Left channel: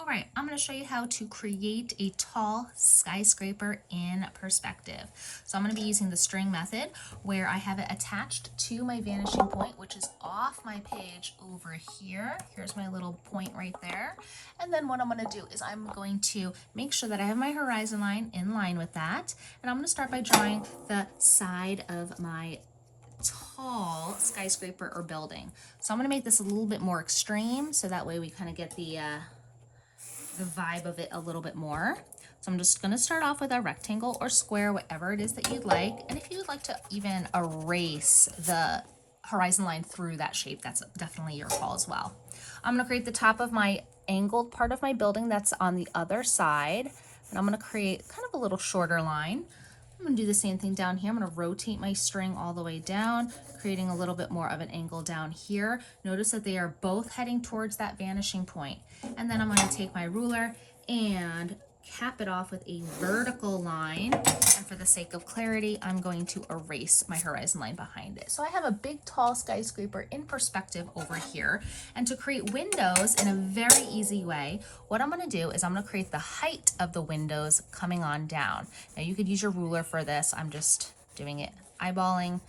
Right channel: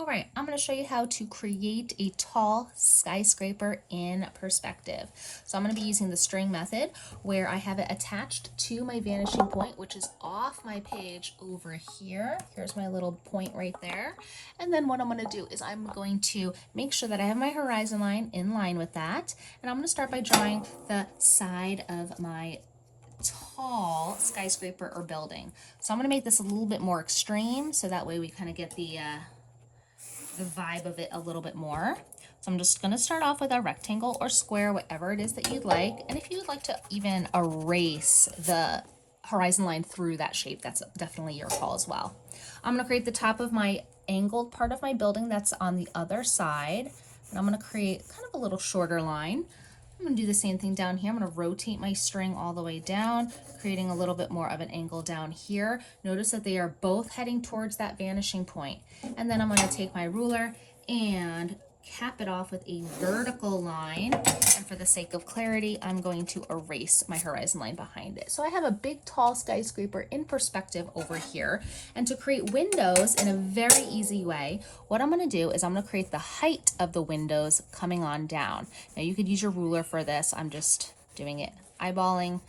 All right, I'm going to show you how to create a tall skyscraper in perspective. So I'm going to be using the string method where I have it attached to my vanishing point, which is off my page over here. Here's my little point right there. And then what I'm going to do is I'm going to make sure that I have my horizon line in line with that. And I'm going to start by drawing the side of my tall skyscraper or building. So I'm going to make this a little bit more extreme so that way we kind of get the vibe of it a little bit more. So I'm just going to start off with a rectangle or square, whatever it is that you'd like. And if you would like to even erase the horizon line through that shape, that's definitely your call as well. I'm going to create the top of my angled part of my building that's on the other side. And I'm going to create kind of a little shorter line. I'm going to do the same thing down here. I'm going to rotate my string all the way down, creating a little bit more of an angle down here. Notice that they are both heading towards that vanishing point. And then I'm going to take my ruler and cap it off with a vertical line. And for the sake of clarity, I'm going to erase my horizon line behind it. So I have a big tall skyscraper in perspective over here. And to create windows in a very easy way, what I'm going to do is I'm going to create the height of the windows coming on down. Now you could use your ruler for this. I'm just doing it eyeballing.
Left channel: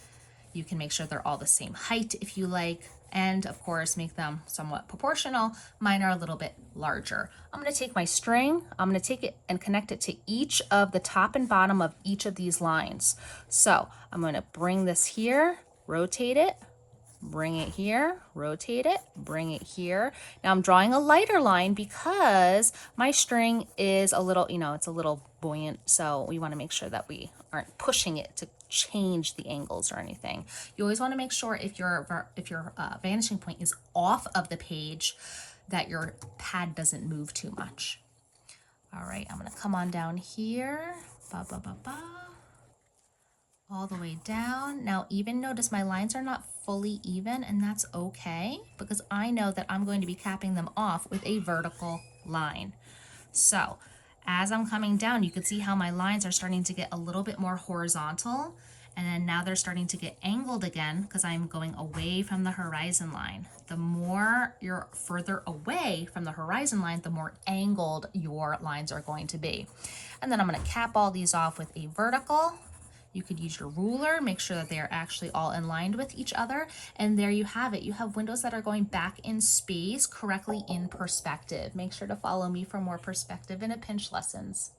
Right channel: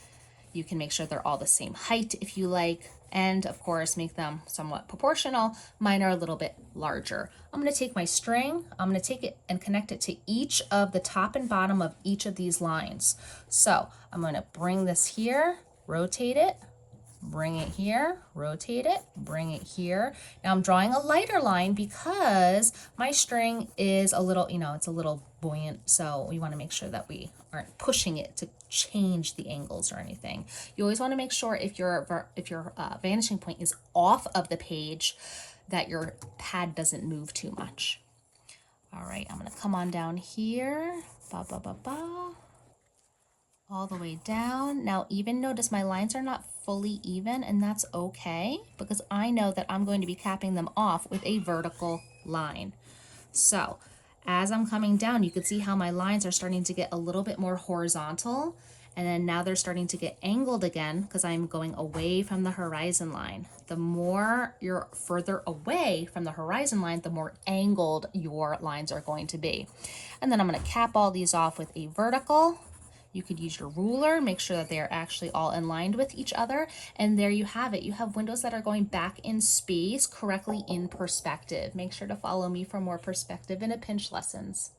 You can make sure they're all the same height if you like, and of course make them somewhat proportional. Mine are a little bit larger. I'm going to take my string, I'm going to take it and connect it to each of the top and bottom of each of these lines. So I'm going to bring this here, rotate it, bring it here, rotate it, bring it here. Now I'm drawing a lighter line because my string is a little, it's a little buoyant, so we want to make sure that we aren't pushing it to change the angles or anything. You always want to make sure if your vanishing point is off of the page that your pad doesn't move too much. All right, I'm going to come on down here, ba ba ba ba, all the way down. Now even notice my lines are not fully even, and that's okay because I know that I'm going to be capping them off with a vertical line. So as I'm coming down, you can see how my lines are starting to get a little bit more horizontal, and then now they're starting to get angled again because I'm going away from the horizon line. The more you're further away from the horizon line, the more angled your lines are going to be. And then I'm going to cap all these off with a vertical. You could use your ruler, make sure that they are actually all in line with each other. And there you have it. You have windows that are going back in space, correctly in perspective. Make sure to follow me for more perspective and a pinch lessons.